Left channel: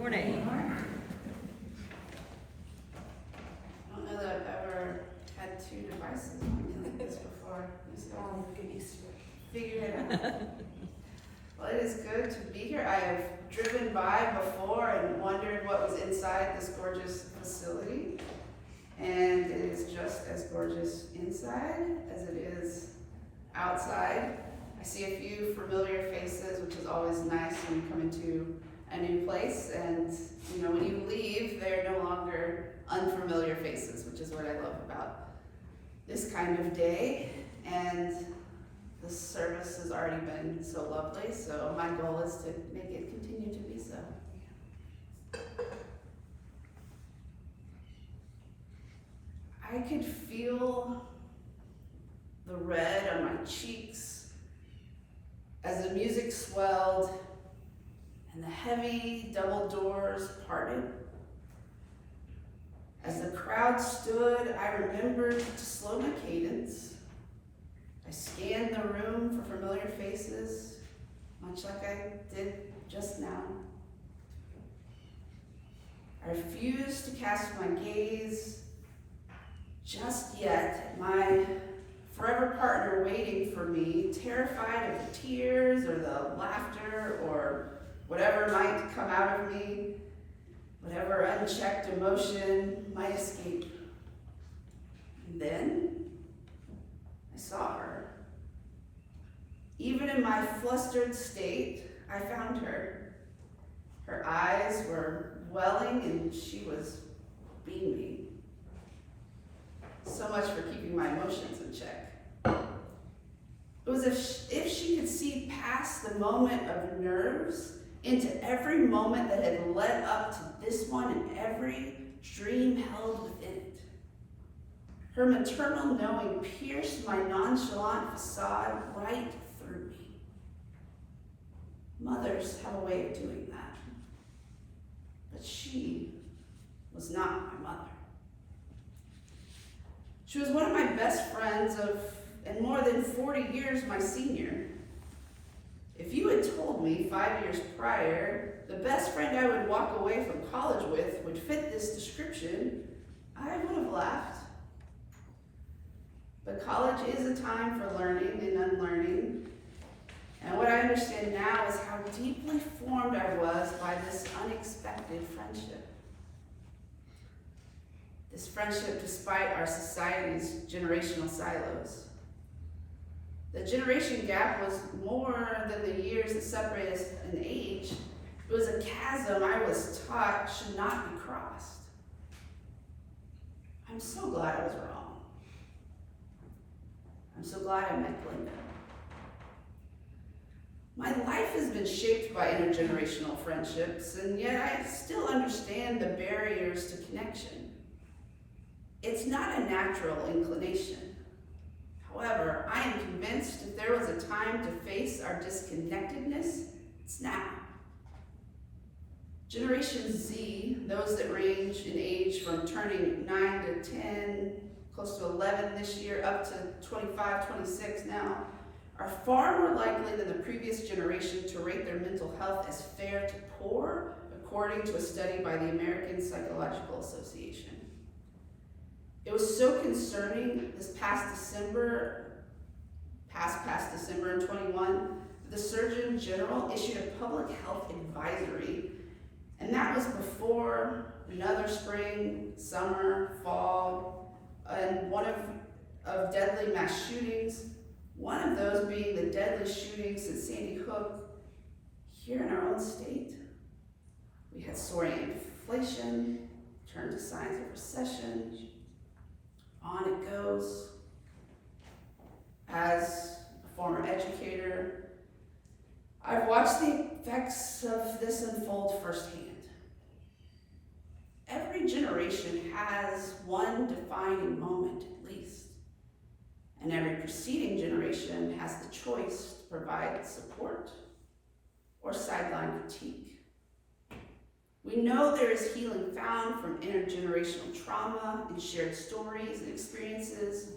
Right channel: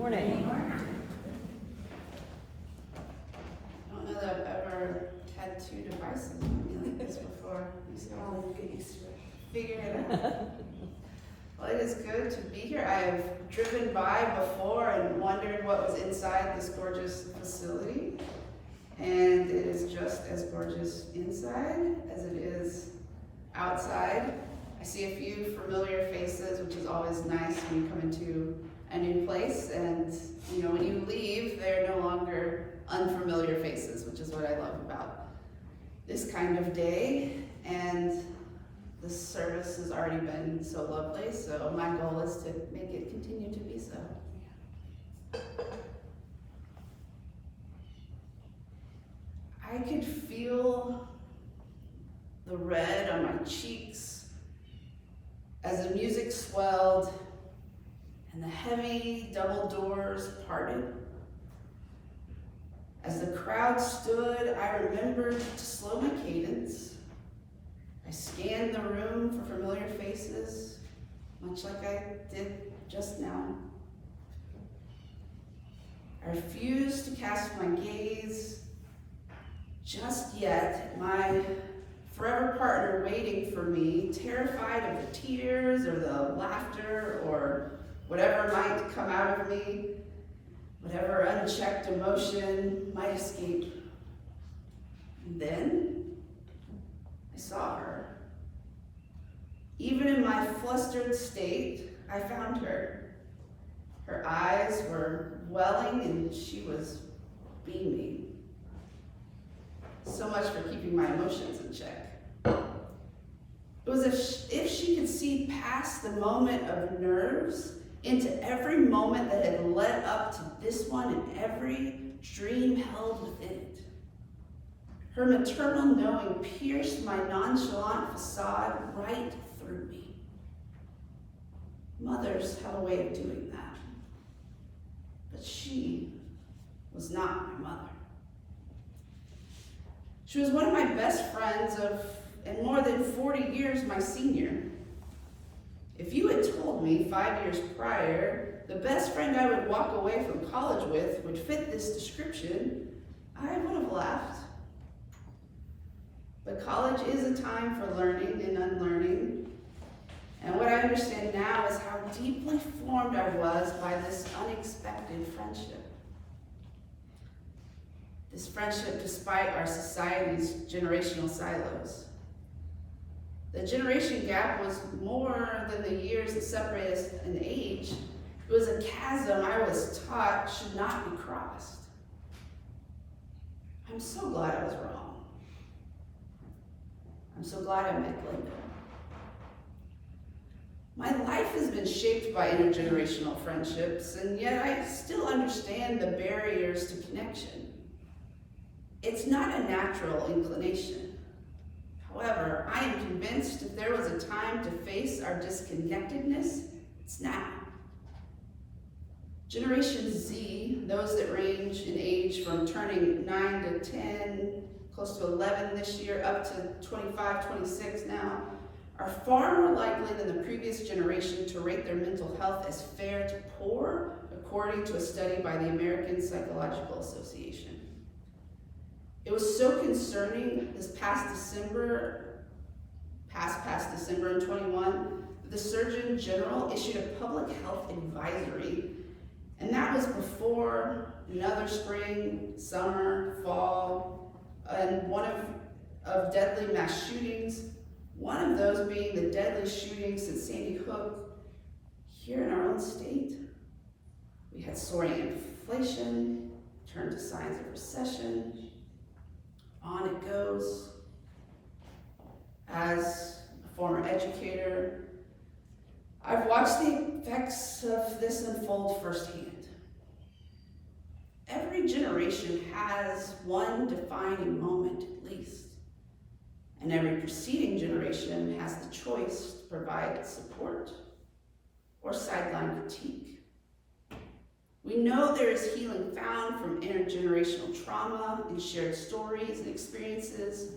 Morning. I don't know that I've ever had two devices on me like this before. I'll get used to it. Figure it out. Well, it is good to be here. I have driven by before and wondered what was inside this gorgeous facility. And it is just as gorgeous inside as it is outside. I see a few familiar faces, which is always nice when you come into a new place. And you know, when you leave, they're no longer unfamiliar faces, which is what I love about this kind of day. And the service has already been so lovely, so my goal is to make it continue to be so. I could feel the red on my cheeks as the music swelled and the heavy double doors parted. As the crowd stood, I remembered to slow my cadence. I scanned the room for familiar faces, much like I did just now. I refused to cast my gaze just yet at my forever partner waiting for me, terrified of the tears or the laughter or whatever might come out of me, whatever unchecked emotion might escape. And then I saw her. Even in my flustered state, I found her. Her eyes were welling and she was beaming. So much for keeping my emotions in check. It was as if she could see past the moment of nerves into every moment that had led up to this one and every dream held within it. Her maternal knowing pierced my nonchalant facade right through me. Mothers have a way of doing that. But she was not my mother. She was one of my best friends and more than 40 years my senior. If you had told me 5 years prior, the best friend I would walk away from college with would fit this description, I would have laughed. But college is a time for learning and unlearning. And what I understand now is how deeply formed I was by this unexpected friendship. This friendship despite our society's generational silos. The generation gap was more than the years that separate us in age. It was a chasm I was taught should not be crossed. I'm so glad I was wrong. I'm so glad I met Glenda. My life has been shaped by intergenerational friendships, and yet I still understand the barriers to connection. It's not a natural inclination. However, I am convinced if there was a time to face our disconnectedness, it's now. Generation Z, those that range in age from turning 9 to 10, close to 11 this year, up to 25, 26 now, are far more likely than the previous generation to rate their mental health as fair to poor, according to a study by the American Psychological Association. It was so concerning this past December in 21, the Surgeon General issued a public health advisory, and that was before another spring, summer, fall, and one of deadly mass shootings, one of those being the deadly shooting since Sandy Hook here in our own state. We had soaring inflation, turned to signs of recession. On it goes. As a former educator, I've watched the effects of this unfold firsthand. Every generation has one defining moment at least, and every preceding generation has the choice to provide support or sideline critique. We know there is healing found from intergenerational trauma and shared stories and experiences,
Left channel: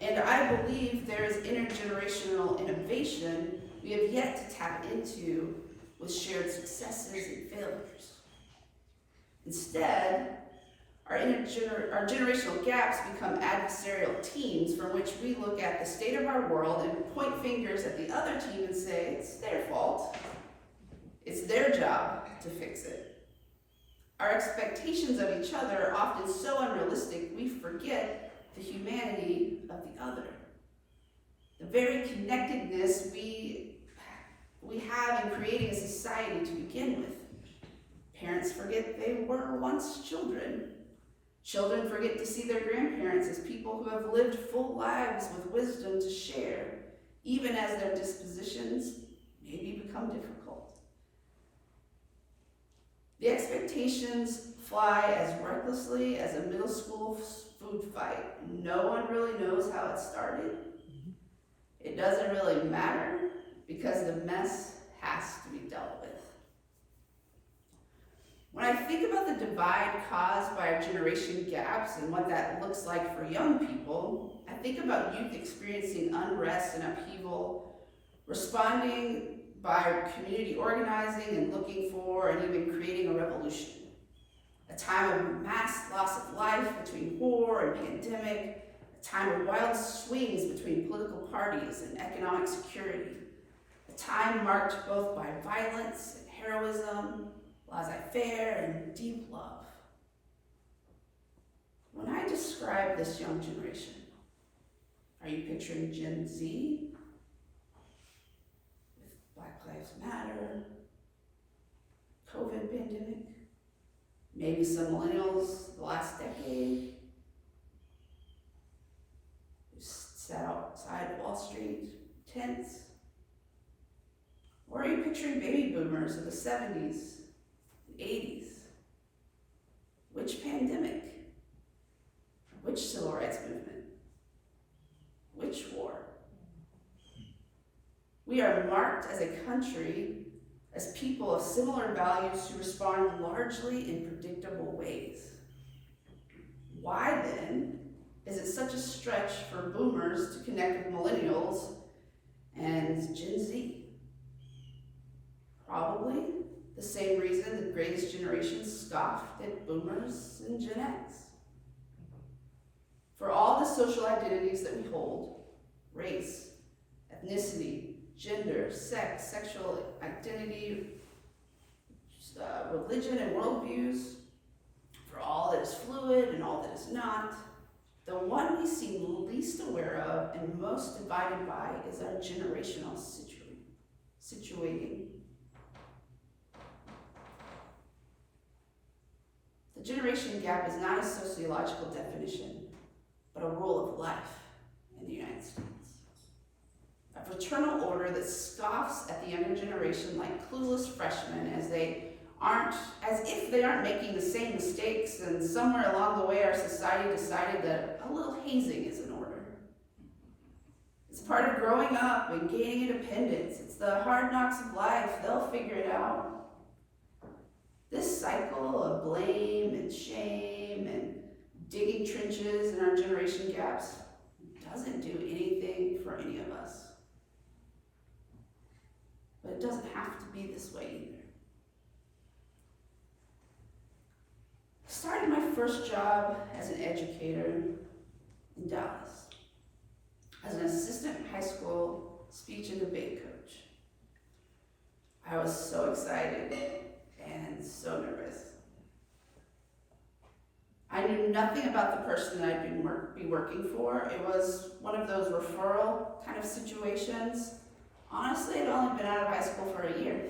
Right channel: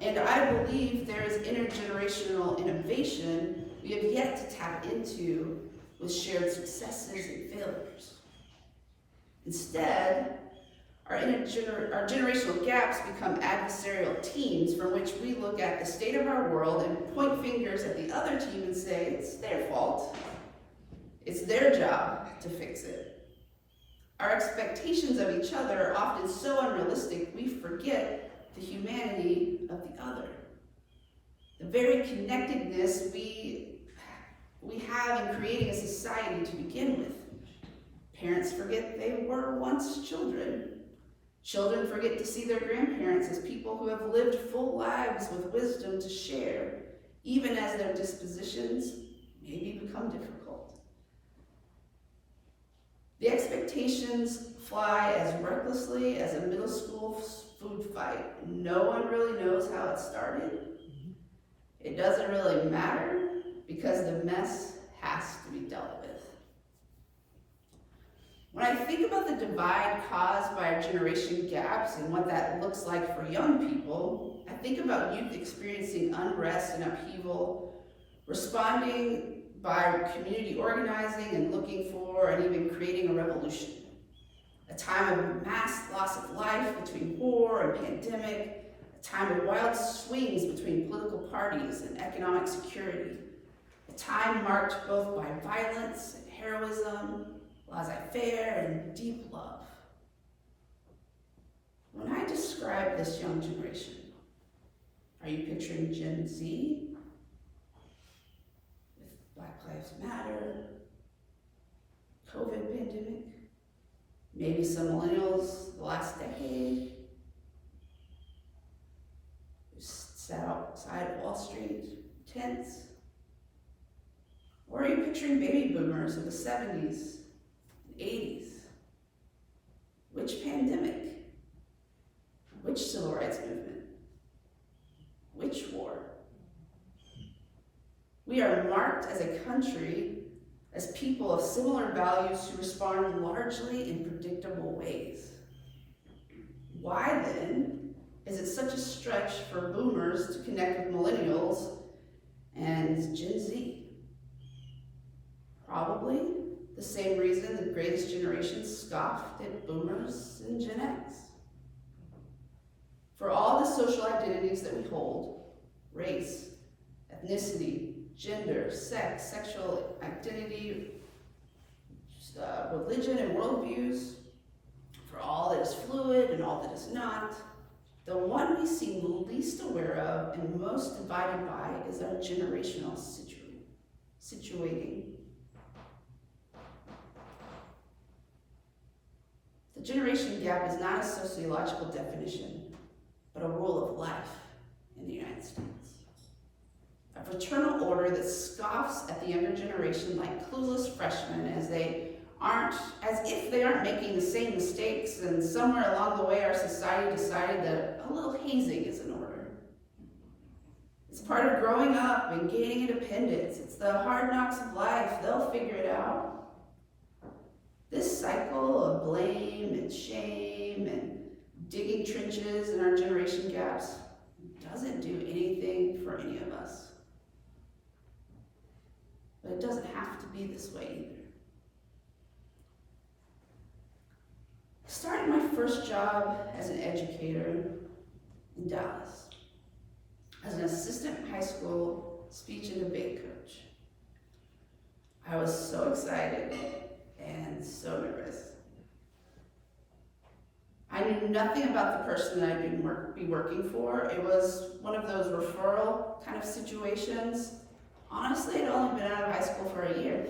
and I believe there is intergenerational innovation we have yet to tap into with shared successes and failures. Instead, our generational gaps become adversarial teams from which we look at the state of our world and point fingers at the other team and say, it's their fault. It's their job to fix it. Our expectations of each other are often so unrealistic we forget the humanity of the other. The very connectedness we have in creating a society to begin with. Parents forget they were once children. Children forget to see their grandparents as people who have lived full lives with wisdom to share, even as their dispositions maybe become difficult. The expectations fly as recklessly as a middle school food fight. No one really knows how it started. It doesn't really matter because the mess has to be dealt with. When I think about the divide caused by our generation gaps and what that looks like for young people, I think about youth experiencing unrest and upheaval, responding by community organizing and looking for and even creating a revolution. A time of mass loss of life between war and pandemic, a time of wild swings between political parties and economic security, a time marked both by violence and heroism, laissez-faire and deep love. When I describe this young generation, are you picturing Gen Z with Black Lives Matter, COVID pandemic, maybe some millennials the last decade who sat outside Wall Street tents? Or are you picturing baby boomers of the 70s, 80s? Which pandemic? Which civil rights movement? Which war? We are marked as a country, as people of similar values who respond largely in predictable ways. Why then is it such a stretch for boomers to connect with millennials and Gen Z? Probably the same reason the greatest generation scoffed at boomers and Gen X. For all the social identities that we hold, race, ethnicity, gender, sex, sexual identity, religion and worldviews, for all that is fluid and all that is not, the one we seem least aware of and most divided by is our generational situating. The generation gap is not a sociological definition, but a rule of life in the United States. A fraternal order that scoffs at the younger generation like clueless freshmen as if they aren't making the same mistakes, and somewhere along the way our society decided that a little hazing is in order. It's part of growing up and gaining independence. It's the hard knocks of life. They'll figure it out. This cycle of blame and shame and digging trenches in our generation gaps doesn't do anything for any of us. But it doesn't have to be this way either. I started my first job as an educator in Dallas as an assistant high school speech and debate coach. I was so excited and so nervous. I knew nothing about the person that I'd be working for. It was one of those referral kind of situations. Honestly, I'd only been out of high school for a year.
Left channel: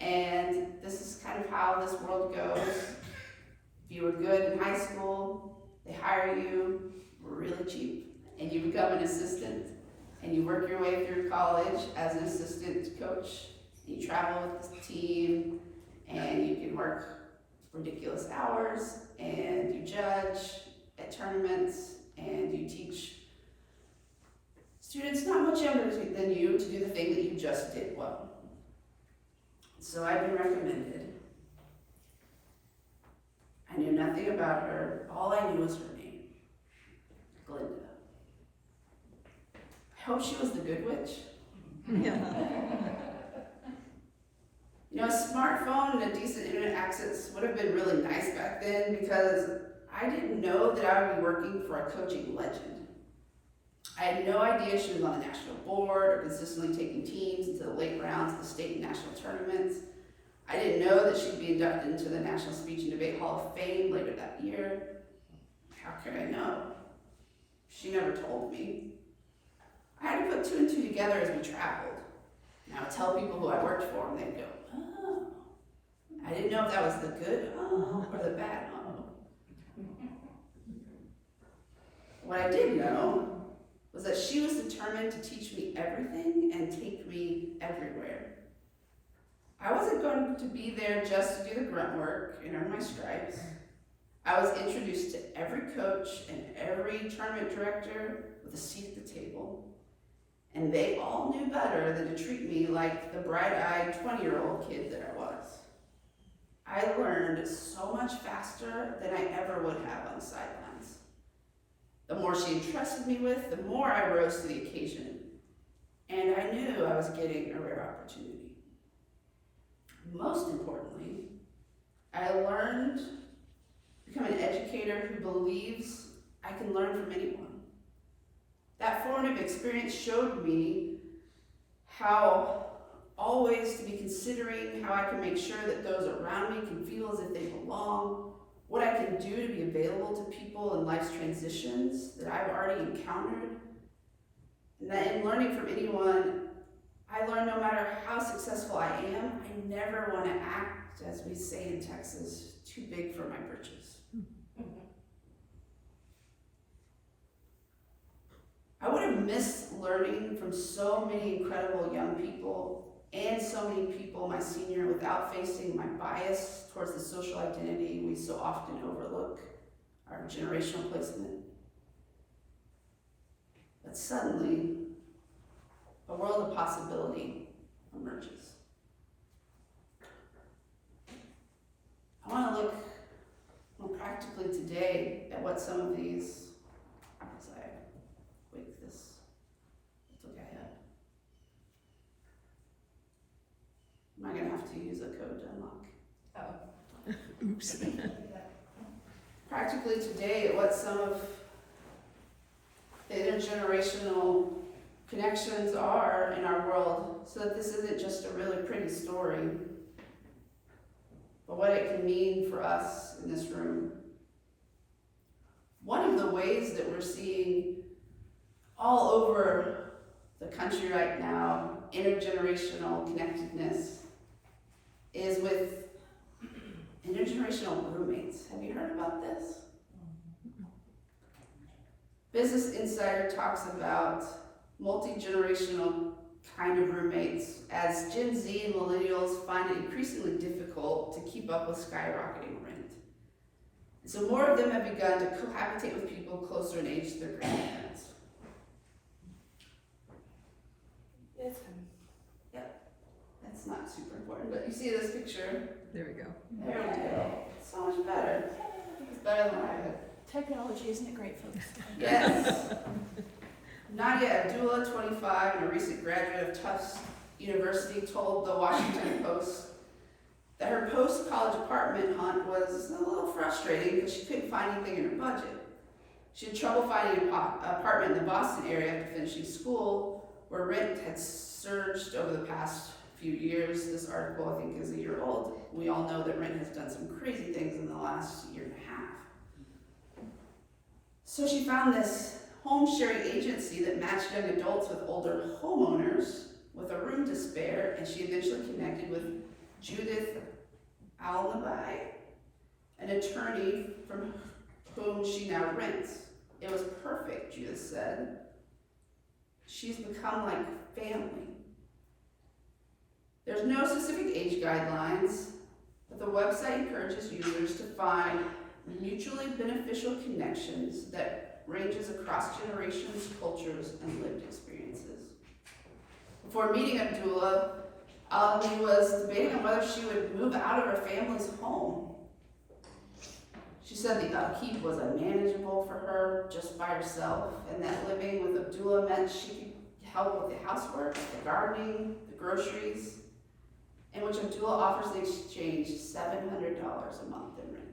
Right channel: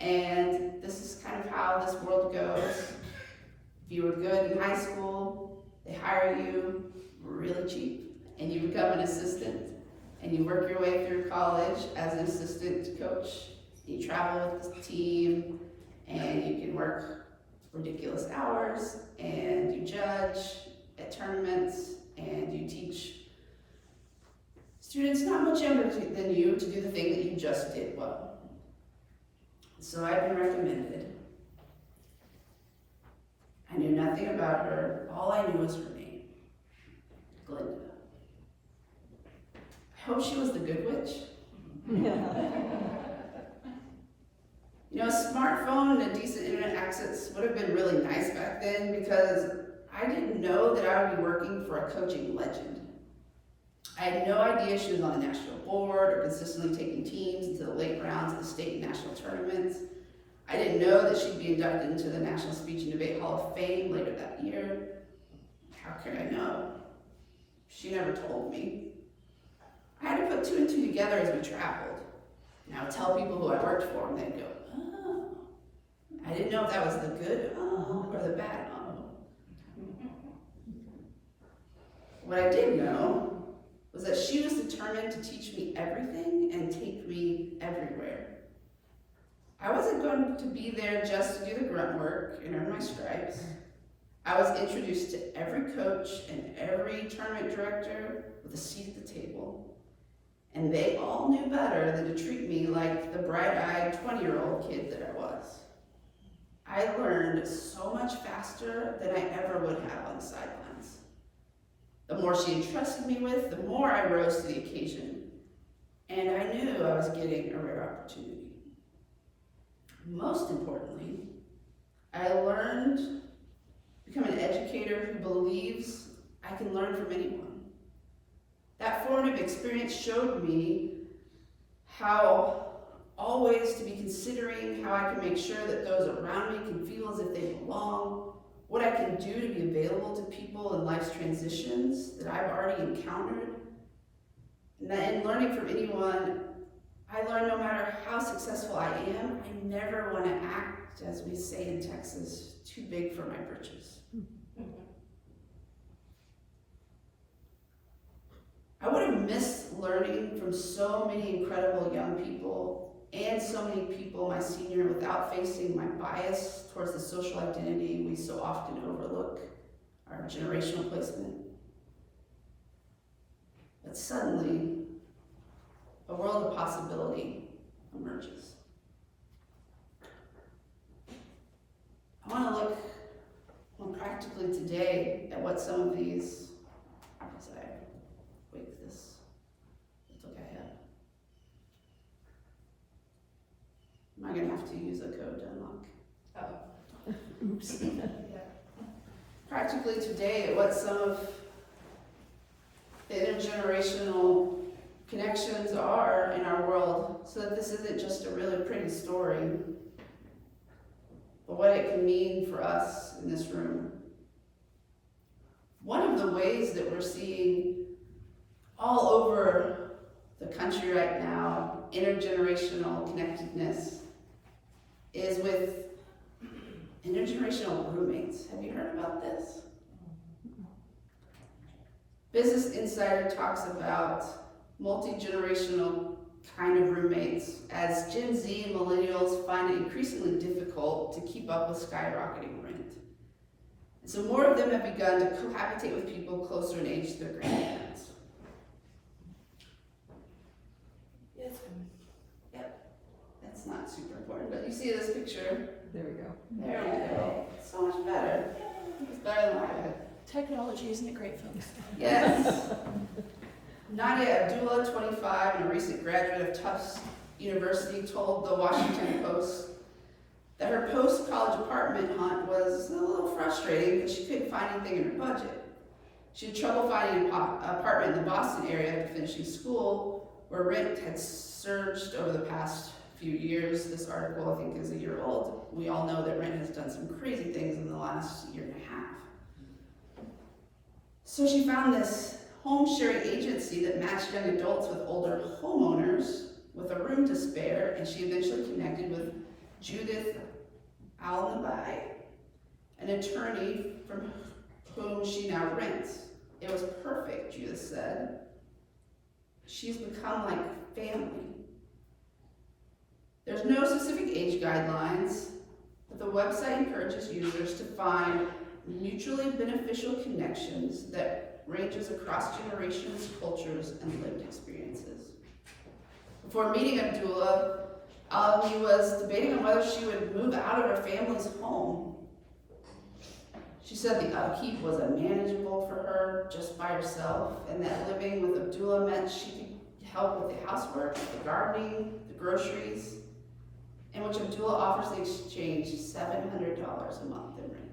And this is kind of how this world goes. If you were good in high school, they hire you really cheap, and you become an assistant, and you work your way through college as an assistant coach. You travel with the team, and you can work ridiculous hours, and you judge at tournaments, and you teach students not much younger than you to do the thing that you just did well. So I've been recommended. I knew nothing about her. All I knew was her name, Glinda. I hope she was the good witch. You know, smartphone and a decent internet access would have been really nice back then because I didn't know that I would be working for a coaching legend. I had no idea she was on the national board or consistently taking teams into the late rounds of the state and national tournaments. I didn't know that she'd be inducted into the National Speech and Debate Hall of Fame later that year. How could I know? She never told me. I had to put two and two together as we traveled. And I would tell people who I worked for, and they'd go, oh. I didn't know if that was the good oh or the bad oh. What I did know was that she was determined to teach me everything and take me everywhere. I wasn't going to be there just to do the grunt work and earn my stripes. I was introduced to every coach and every tournament director with a seat at the table. And they all knew better than to treat me like the bright-eyed 20-year-old kid that I was. I learned so much faster than I ever would have on the sidelines. The more she entrusted me with, the more I rose to the occasion. And I knew I was getting a rare opportunity. Most importantly, I learned to become an educator who believes I can learn from anyone. That formative experience showed me how always to be considering how I can make sure that those around me can feel as if they belong, what I can do to be available to people in life's transitions that I've already encountered. And that in learning from anyone, I learned no matter how successful I am, I never want to act, as we say in Texas, too big for my britches. I would have missed learning from so many incredible young people and so many people my senior without facing my bias towards the social identity we so often overlook, our generational placement. But suddenly, a world of possibility emerges. I want to look more practically today at what some of these, as I wake this, let's look ahead. Am I going to have to use a code to unlock? Oh. Oops. Practically today at what some of the intergenerational connections are in our world, so that this isn't just a really pretty story, but what it can mean for us in this room. One of the ways that we're seeing all over the country right now, intergenerational connectedness, is with intergenerational roommates. Have you heard about this? Business Insider talks about multi-generational kind of roommates as Gen Z and millennials find it increasingly difficult to keep up with skyrocketing rent. And so more of them have begun to cohabitate with people closer in age to their grandparents. Yes. Yep, that's not super important, but you see this picture? There we go. There we go. So much better. It's better than I had. Technology, isn't it great, folks? Yes. Nadia Abdullah, 25, and a recent graduate of Tufts University, told the Washington Post that her post-college apartment hunt was a little frustrating because she couldn't find anything in her budget. She had trouble finding an apartment in the Boston area after finishing school, where rent had surged over the past few years. This article, I think, is a year old. We all know that rent has done some crazy things in the last year and a half. So she found this home sharing agency that matched young adults with older homeowners with a room to spare, and she eventually connected with Judith Alnabai, an attorney from whom she now rents. It was perfect, Judith said. She's become like family. There's no specific age guidelines, but the website encourages users to find mutually beneficial connections that ranges across generations, cultures, and lived experiences. Before meeting Abdullah, Alani was debating on whether she would move out of her family's home. She said the upkeep was unmanageable for her just by herself, and that living with Abdullah meant she could help with the housework, the gardening, the groceries. in which Abdullah offers in exchange $700 a month in rent.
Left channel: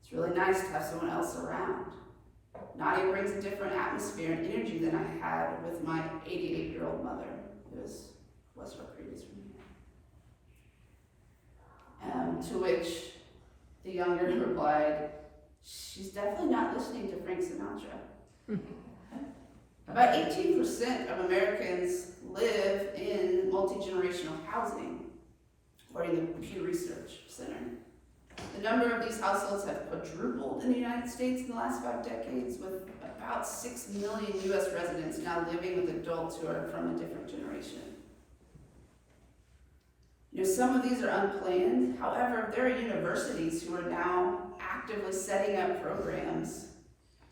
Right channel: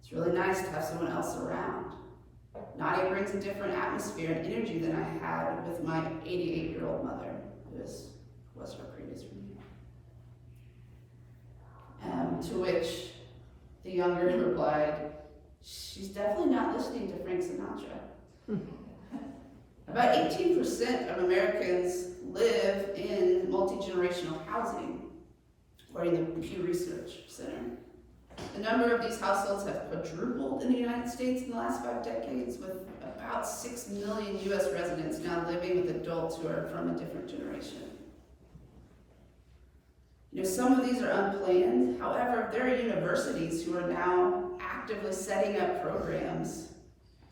It's really nice to have someone else around. Nadia brings a different atmosphere and energy than I had with my 88-year-old mother, who was her previous roommate. To which the younger replied, "She's definitely not listening to Frank Sinatra." About 18% of Americans live in multi-generational housing, according to the Pew Research Center. The number of these households have quadrupled in the United States in the last 5 decades, with about 6 million US residents now living with adults who are from a different generation. Some of these are unplanned. However, there are universities who are now actively setting up programs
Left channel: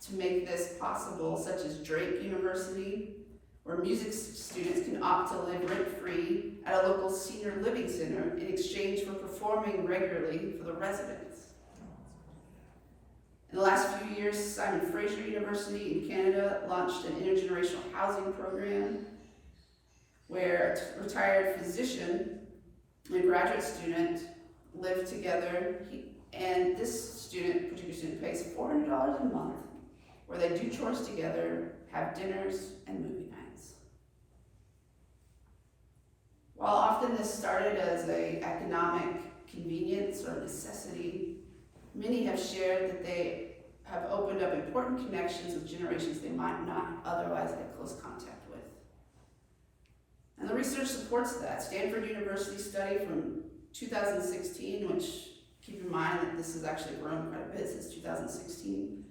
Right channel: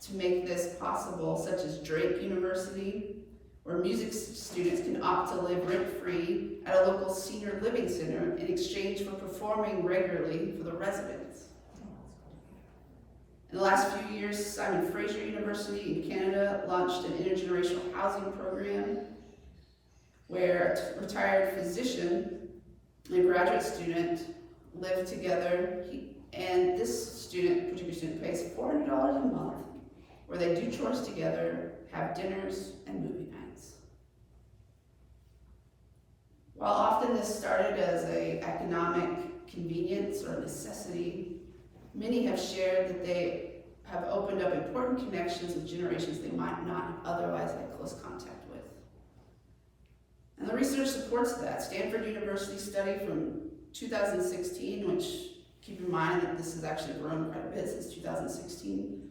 to make this possible, such as Drake University, where music students can opt to live rent-free at a local senior living center in exchange for performing regularly for the residents. In the last few years, Simon Fraser University in Canada launched an intergenerational housing program where a retired physician and a graduate student live together, and this particular student pays $400 a month, where they do chores together, have dinners, and movie nights. While often this started as an economic convenience or necessity, many have shared that they have opened up important connections with generations they might not otherwise have close contact with. And the research supports that. Stanford University study from 2016, which, keep in mind that this has actually grown quite a bit since 2016,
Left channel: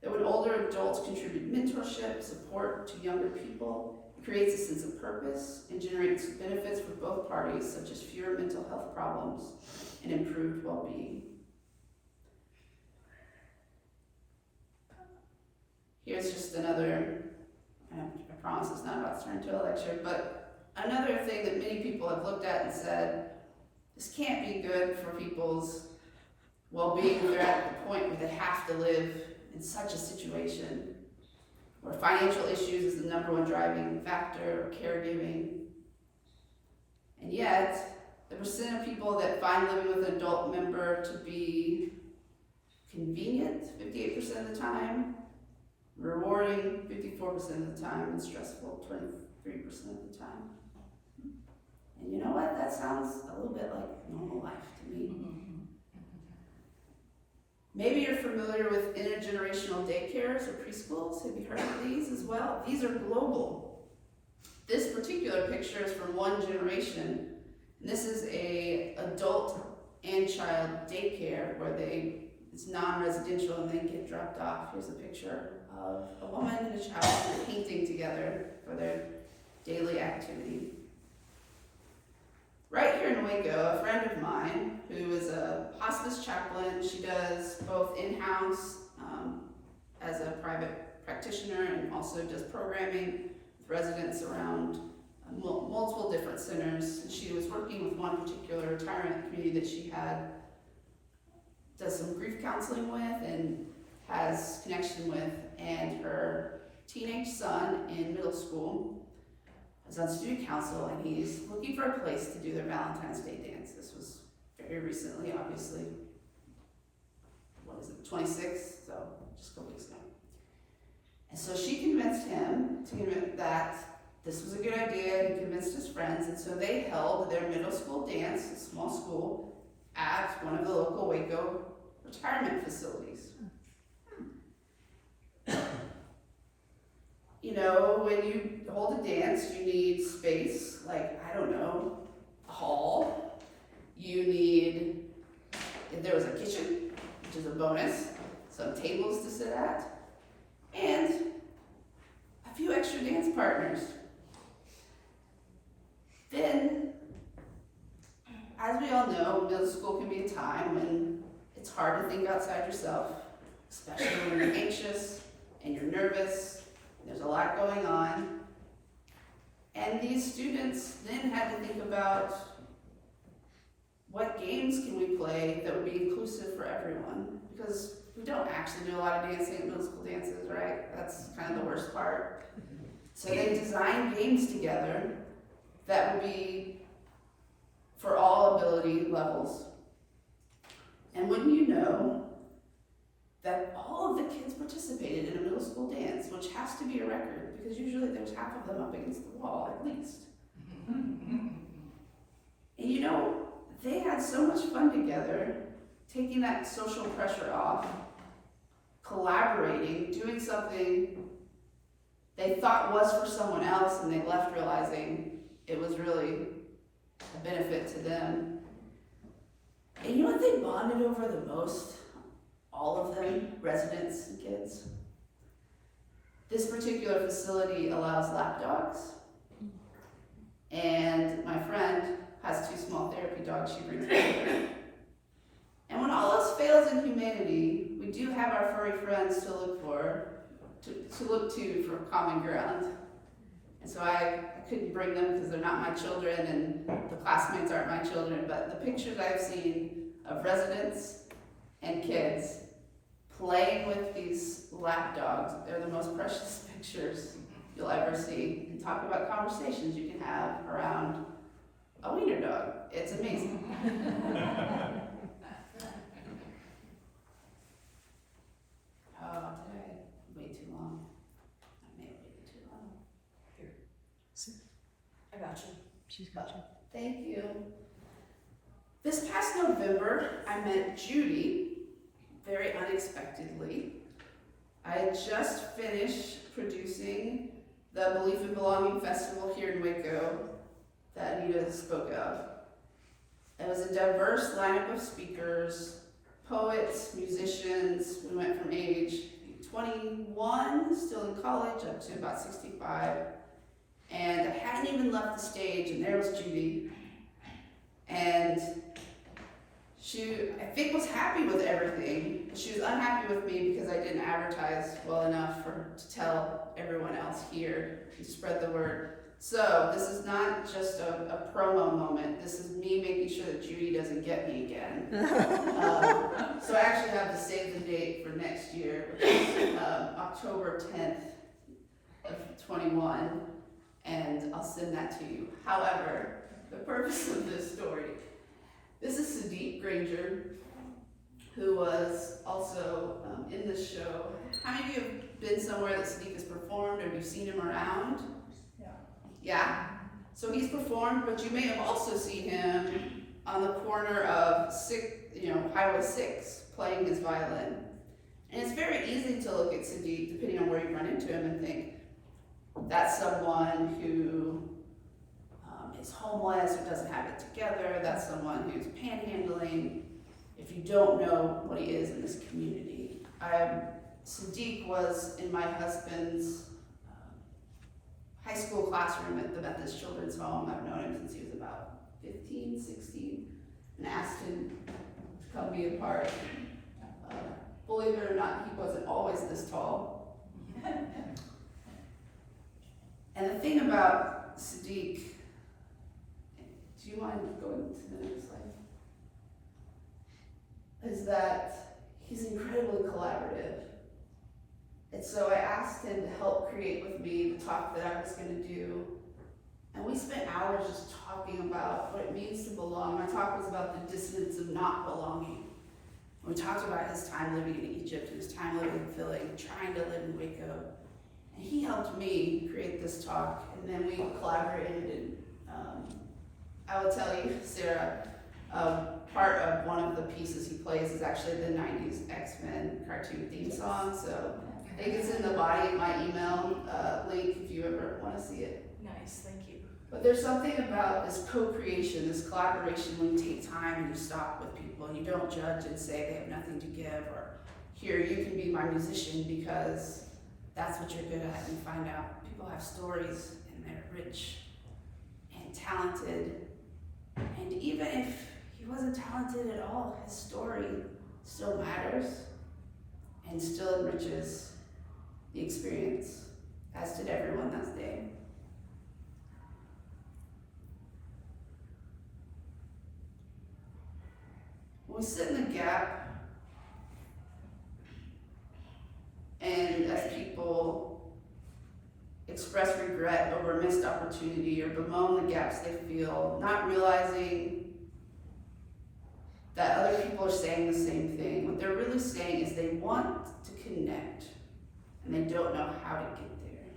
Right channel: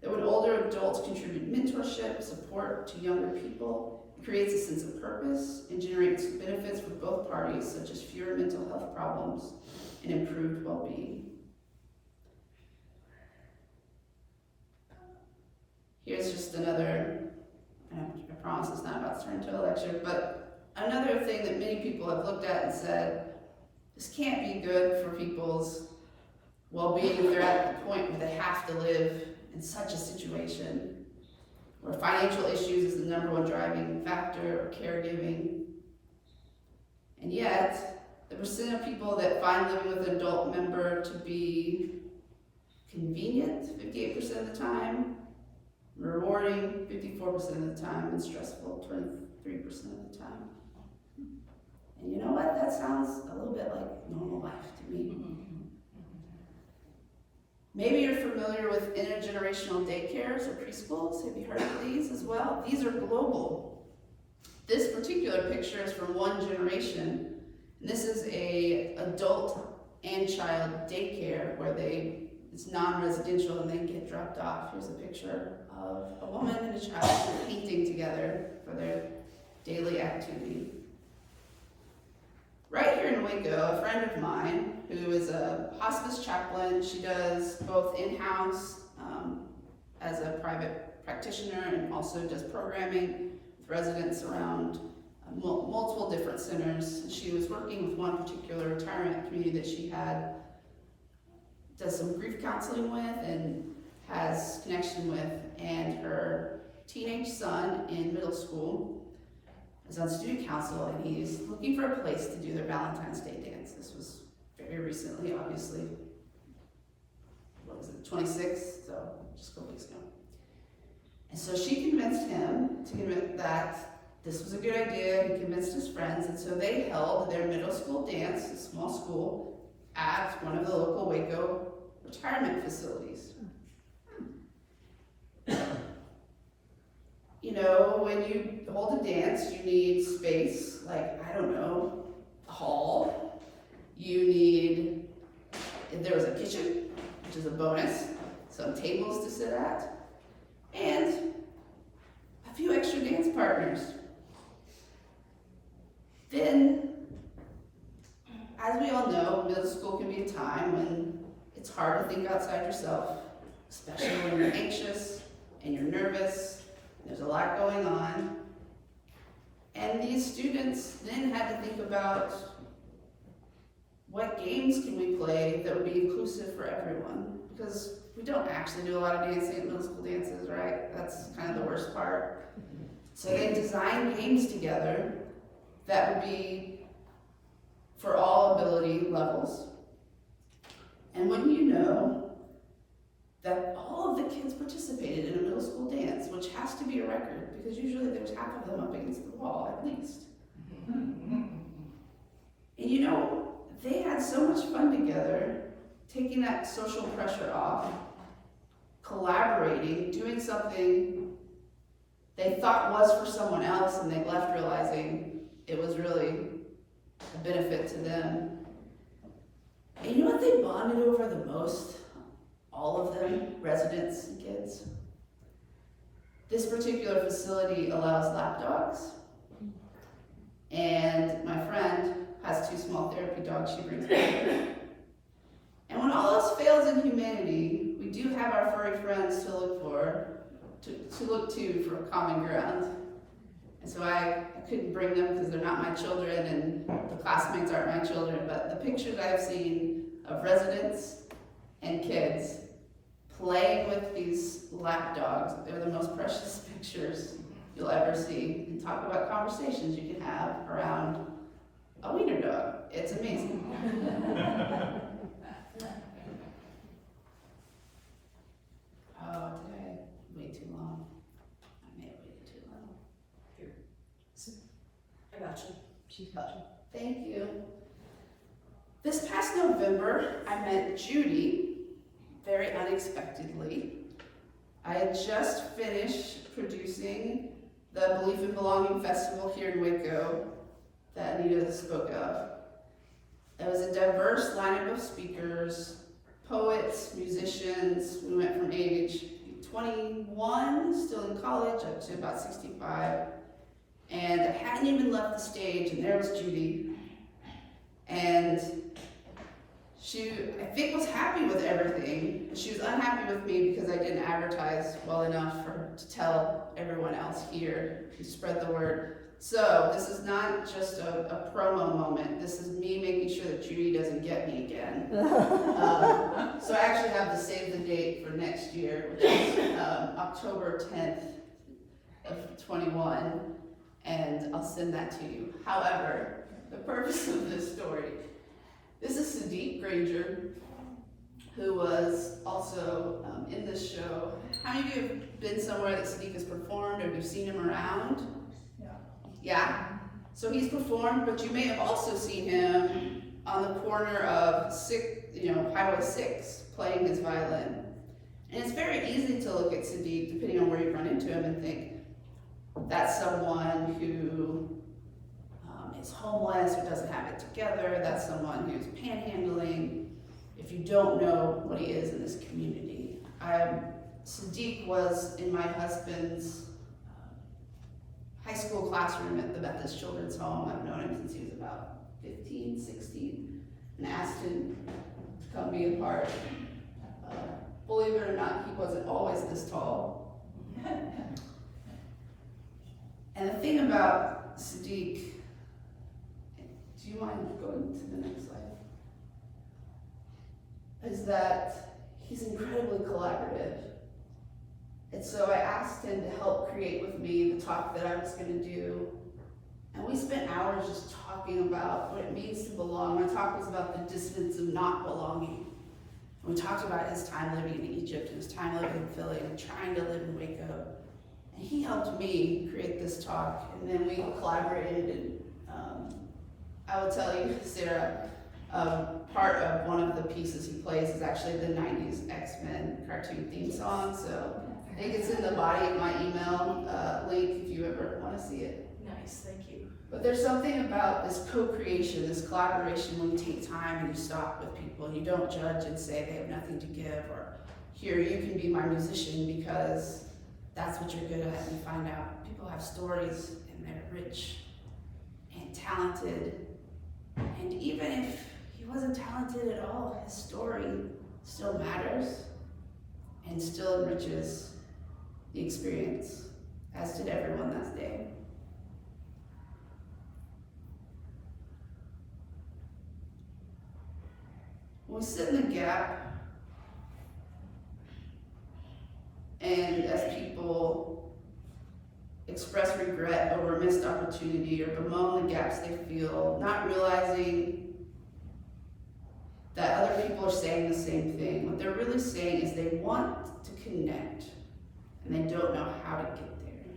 that when older adults contribute mentorship, support to younger people, it creates a sense of purpose and generates benefits for both parties, such as fewer mental health problems and improved well-being. Here's just another, I promise it's not about to turn into a lecture, but another thing that many people have looked at and said, this can't be good for people's well-being if they're at the point where they have to live in such a situation where financial issues is the number one driving factor, or caregiving. And yet, the percent of people that find living with an adult member to be convenient 58% of the time, rewarding 54% of the time, and stressful 23% of the time. And you know what? That sounds a little bit like normal life to me. Maybe you're familiar with intergenerational daycares or preschools. Have you heard of these as well? These are global. This particular picture is from one generation. And this is a adult and child daycare where it's non-residential and they get dropped off. Here's a picture of a woman and a child painting together for their daily activity. Right here in Waco, a friend of mine who is a hospice chaplain, she does both in-house as a private practitioner and also does programming with residents around multiple different centers. She was working with one particular retirement community that she does some grief counseling with and has connection with, and her teenage son in middle school is on student council, and he's looking for a place to do their Valentine's Day dance. This was very recently, obviously. What was it, 26th? So just a couple weeks ago. And so she convinced him that this was a good idea. He convinced his friends, and so they held their middle school dance, a small school, at one of the local Waco retirement facilities. When you hold a dance, you need space, like, I don't know, a hall. You need, if there was a kitchen, which is a bonus, some tables to sit at, and a few extra dance partners. Then, as we all know, middle school can be a time when it's hard to think outside yourself, especially when you're anxious and you're nervous. There's a lot going on. And these students then had to think about what games can we play that would be inclusive for everyone? Because we don't actually do a lot of dancing at middle school dances, right? That's kind of the worst part. So they designed games together that would be disability levels. And wouldn't you know that all of the kids participated in a middle school dance, which has to be a record because usually there's half of them up against the wall at least. And you know, they had so much fun together, taking that social pressure off, collaborating, doing something they thought was for someone else and they left realizing it was really a benefit to them. And you know what they bonded over the most? All of them, residents and kids. This particular facility allows lap dogs. And my friend has 2 small therapy dogs she brings back. And when all else fails in humanity, we do have our furry friends to look to for common ground. And so I couldn't bring them because they're not my children and the classmates aren't my children, but the pictures I've seen of residents and kids playing with these lap dogs, they're the most precious pictures you'll ever see. And talk about conversations you can have around a wiener dog. It's amazing. Oh, did I wait too long? I may have waited too long. I got you. She's got you. Thank you. This past November, I met Judy very unexpectedly. I had just finished producing the Belief in Belonging Festival here in Waco that Anita spoke of. It was a diverse lineup of speakers, poets, musicians. We went from age 21, still in college, up to about 65. And I hadn't even left the stage, and there was Judy. And she, I think, was happy with everything. She was unhappy with me because I didn't advertise well enough for her to tell everyone else here to spread the word. So this is not just a promo moment. This is me making sure that Judy doesn't get me again. So I actually have to save the date for next year, which is October 10th of 21, and I'll send that to you. However, the purpose of this story, this is Sadiq Granger, who was also in this show. How many of you have been somewhere that Sadiq has performed, or have you seen him around? Yeah? So he's performed, but you may have also seen him on the corner of Highway 6, playing his violin. And it's very easy to look at Sadiq, depending on where you run into him, and think, that's someone who is homeless or doesn't have it together. That's someone who's panhandling. If you don't know what he is in this community. Sadiq was in my husband's high school classroom at the Methodist Children's Home. I've known him since he was about 15, 16, and asked him to come be a part. Believe it or not, he wasn't always this tall. And the thing about Sadiq, do you mind going to the next slide? Is that he's incredibly collaborative. And so I asked him to help create with me the talk that I was going to do. And we spent hours just talking about what it means to belong. My talk was about the dissonance of not belonging. And we talked about his time living in Egypt, and his time living in Philly, and trying to live in Waco. And he helped me create this talk, and then we collaborated. And I will tell you, Sarah, part of one of the pieces he plays is actually the 90s X-Men cartoon theme song. So I think it's in the body of my email link if you ever want to see it. Nice, thank you. But there's something about this co-creation, this collaboration, when you take time and you stop with people and you don't judge and say they have nothing to give, or here, you can be my musician because that's what you're good at. And you find out people have stories and they're rich and talented. And even if he wasn't talented at all, his story still matters and still enriches the experience, as did everyone that day. When we sit in the gap, and as people express regret over a missed opportunity or bemoan the gaps they feel, not realizing that other people are saying the same thing. What they're really saying is they want to connect, and they don't know how to get there.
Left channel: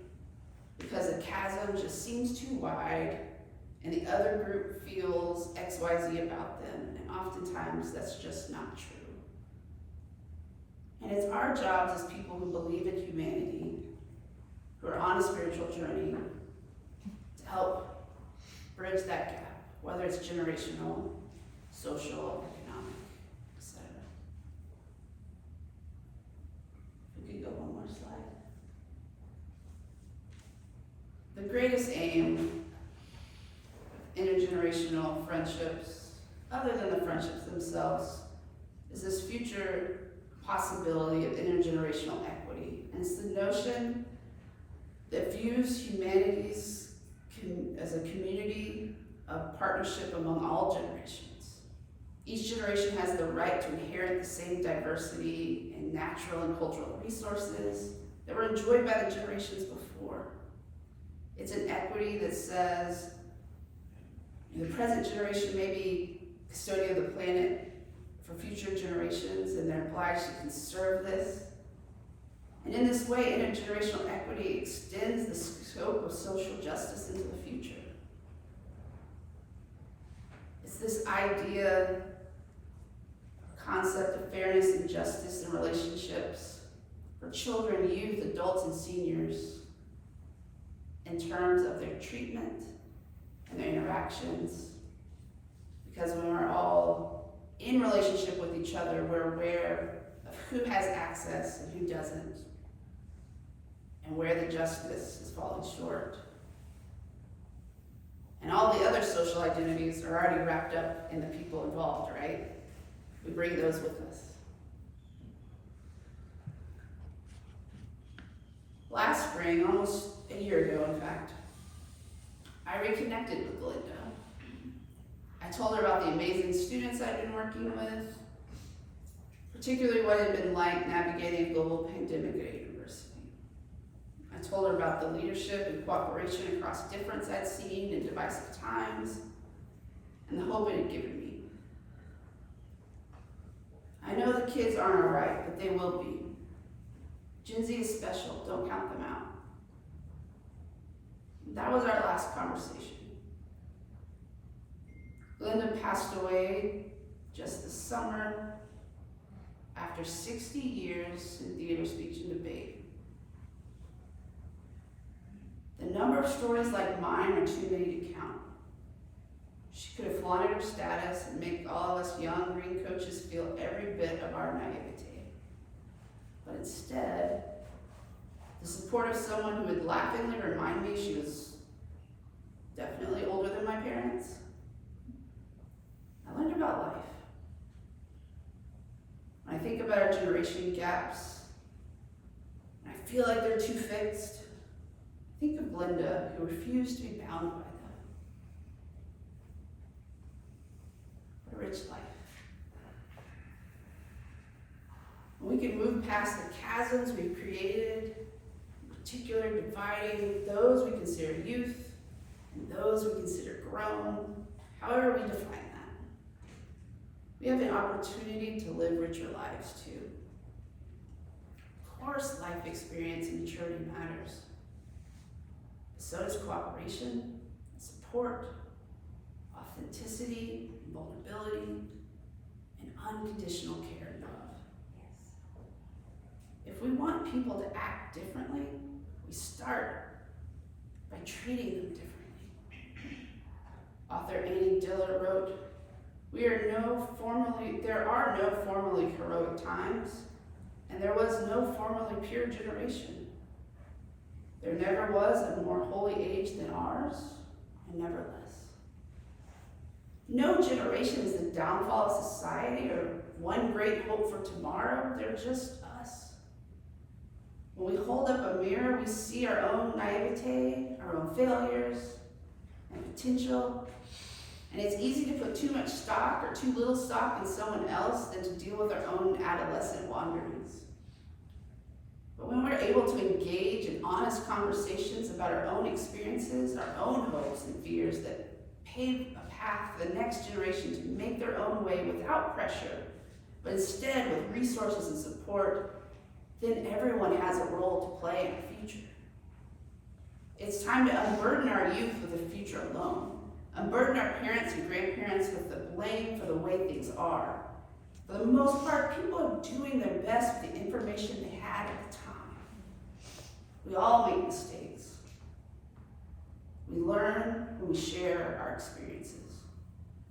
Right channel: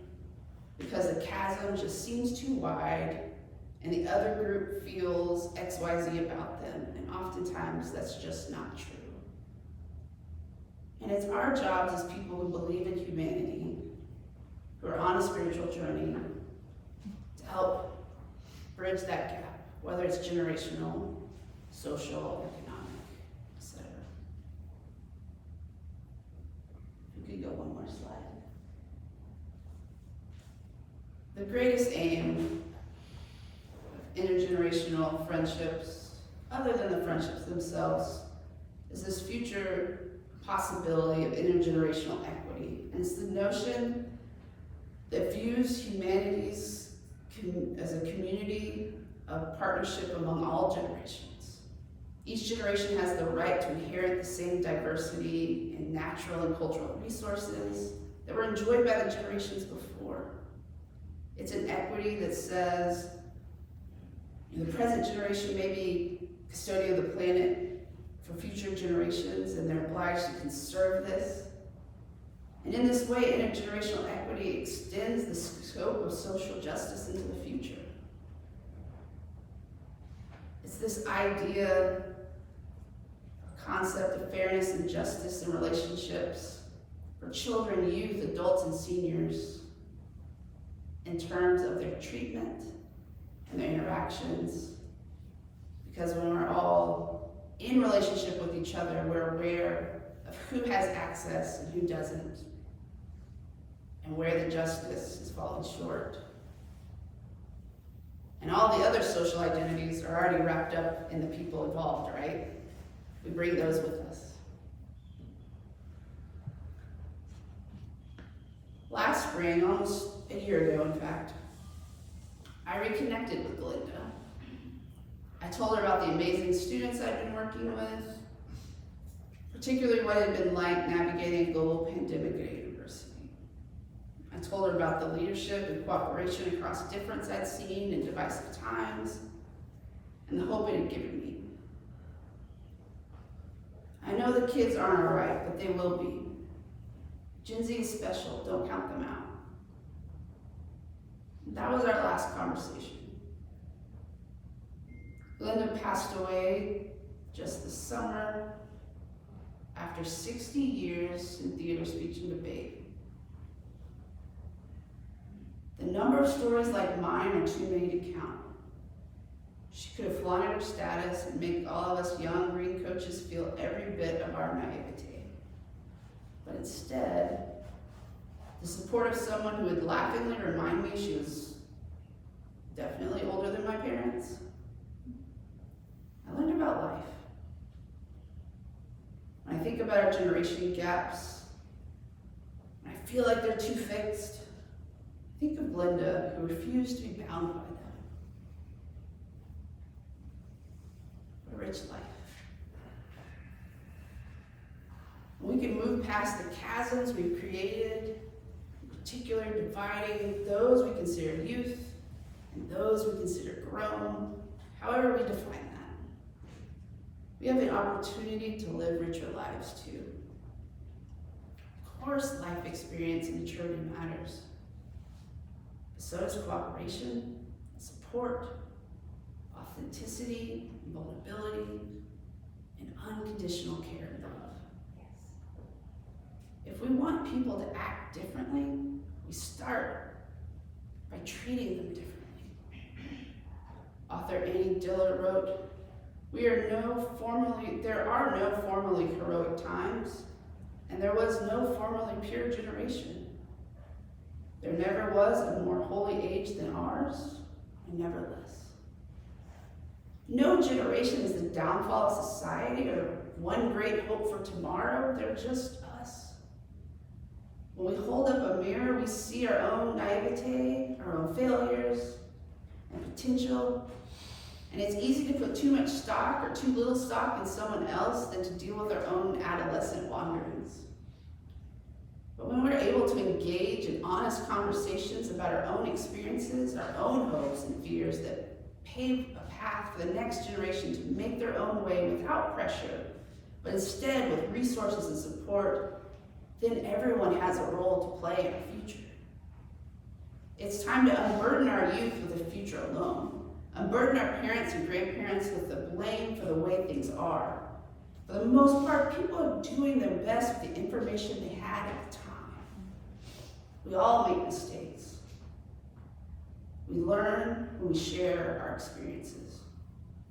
Because the chasm just seems too wide, and the other group feels XYZ about them, and oftentimes that's just not true. And it's our jobs as people who believe in humanity, who are on a spiritual journey, to help bridge that gap, whether it's generational, social, economic, etc. If we could go one more slide. The greatest aim of intergenerational friendships, other than the friendships themselves, is this future possibility of intergenerational equity. And it's the notion that views humanities as a community of partnership among all generations. Each generation has the right to inherit the same diversity in natural and cultural resources that were enjoyed by the generations before. It's an equity that says the present generation may be custodian of the planet for future generations, and they're obliged to conserve this. And in this way, intergenerational equity extends the scope of social justice into the future. It's this idea, concept of fairness and justice in relationships for children, youth, adults, and seniors in terms of their treatment and their interactions. Because when we're all in relationship with each other, we're aware of who has access and who doesn't, and where the justice is falling short. And all the other social identities are already wrapped up in the people involved, right? We bring those with us. Last spring, almost a year ago in fact, I reconnected with Glinda. I told her about the amazing students I'd been working with, particularly what it had been like navigating a global pandemic at a university. I told her about the leadership and cooperation across difference I'd seen in divisive times, and the hope it had given me. I know the kids aren't all right, but they will be. Gen Z is special, don't count them out. That was our last conversation. Glinda passed away just this summer after 60 years in theater, speech, and debate. The number of stories like mine are too many to count. She could have flaunted her status and make all of us young green coaches feel every bit of our naivete. But instead, the support of someone who would laughingly remind me she was definitely older than my parents. I learned about life. When I think about our generation gaps, when I feel like they're too fixed, I think of Glinda, who refused to be bound by them. What a rich life. We can move past the chasms we've created, in particular dividing those we consider youth and those we consider grown, however we define that. We have an opportunity to live richer lives too. Of course, life experience and maturity matters. But so does cooperation, support, authenticity, vulnerability, and unconditional care and love. If we want people to act differently, we start by treating them differently. Author Annie Diller wrote, there are no formally heroic times, and there was no formally pure generation. There never was a more holy age than ours, and never less. No generation is the downfall of society or one great hope for tomorrow. They're just us. When we hold up a mirror, we see our own naivete, our own failures, and potential. And it's easy to put too much stock or too little stock in someone else than to deal with our own adolescent wanderings. But when we're able to engage in honest conversations about our own experiences, our own hopes and fears that pave a path for the next generation to make their own way without pressure, but instead with resources and support, then everyone has a role to play in our future. It's time to unburden our youth with a future alone. Unburden our parents and grandparents with the blame for the way things are. For the most part, people are doing their best with the information they had at the time. We all make mistakes. We learn when we share our experiences.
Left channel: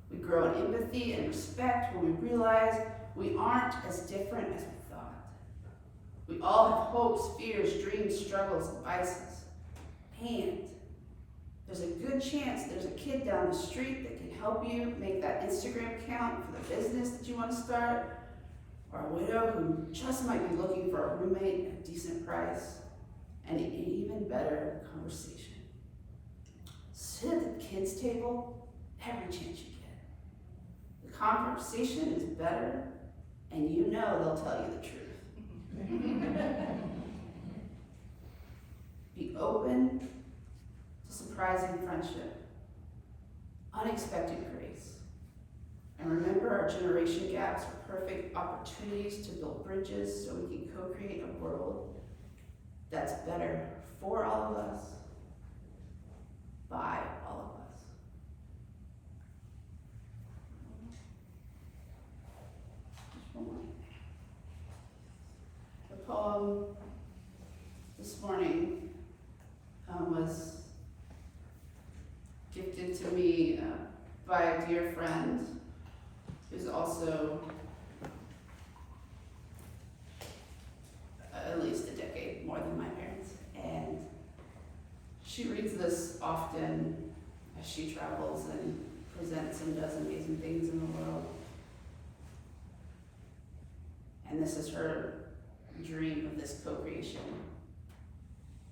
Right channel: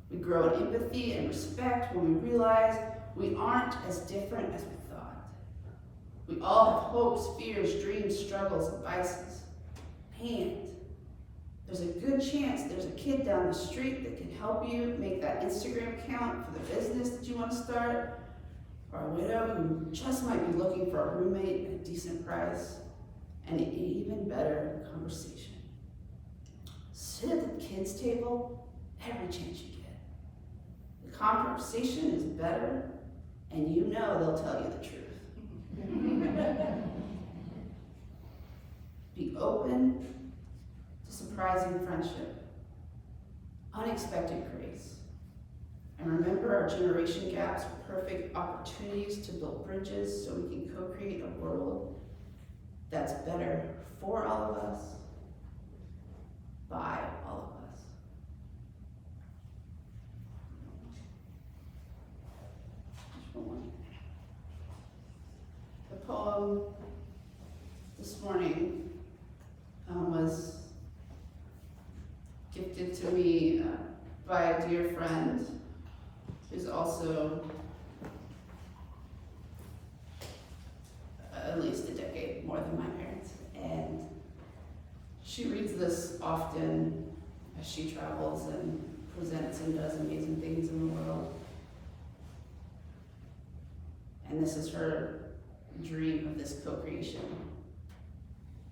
We grow in empathy and respect when we realize we aren't as different as we thought. We all have hopes, fears, dreams, struggles, and vices. And there's a good chance there's a kid down the street that can help you make that Instagram account for the business that you want to start, or a widow who just might be looking for a roommate at a decent price, and an even better conversation. Sit at the kids' table every chance you get. The conversation is better, and you know they'll tell you the truth. Be open to surprising friendship, unexpected grace, and remember our generation gaps are perfect opportunities to build bridges so we can co-create a world that's better for all of us, by all of us. Just one more. The poem this morning was gifted to me by a dear friend who's also at least a decade more than my parents. And she reads this often as she travels and presents and does amazing things in the world. And this is her dream of this co-creation.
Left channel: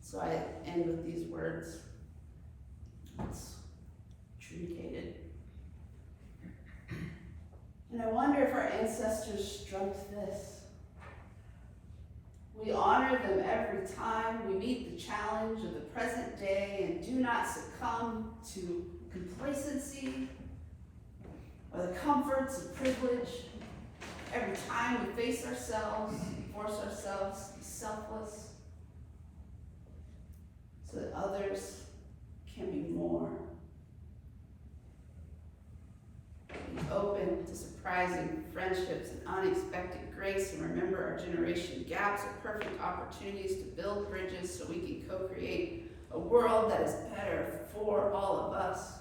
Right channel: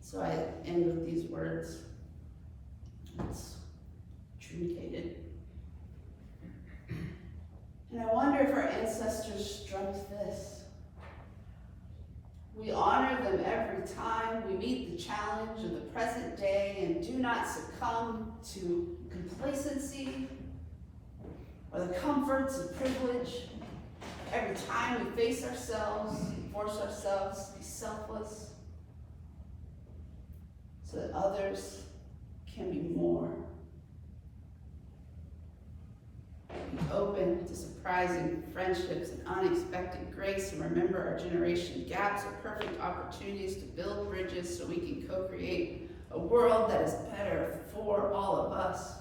So I end with these words. It's truncated. And I wonder if our ancestors dreamt this. We honor them every time we meet the challenge of the present day and do not succumb to complacency or the comforts of privilege. Every time we face ourselves, force ourselves to be selfless so that others can be more. Be open to surprising friendships and unexpected grace, and remember our generation gaps are perfect opportunities to build bridges so we can co-create a world that is better for all of us.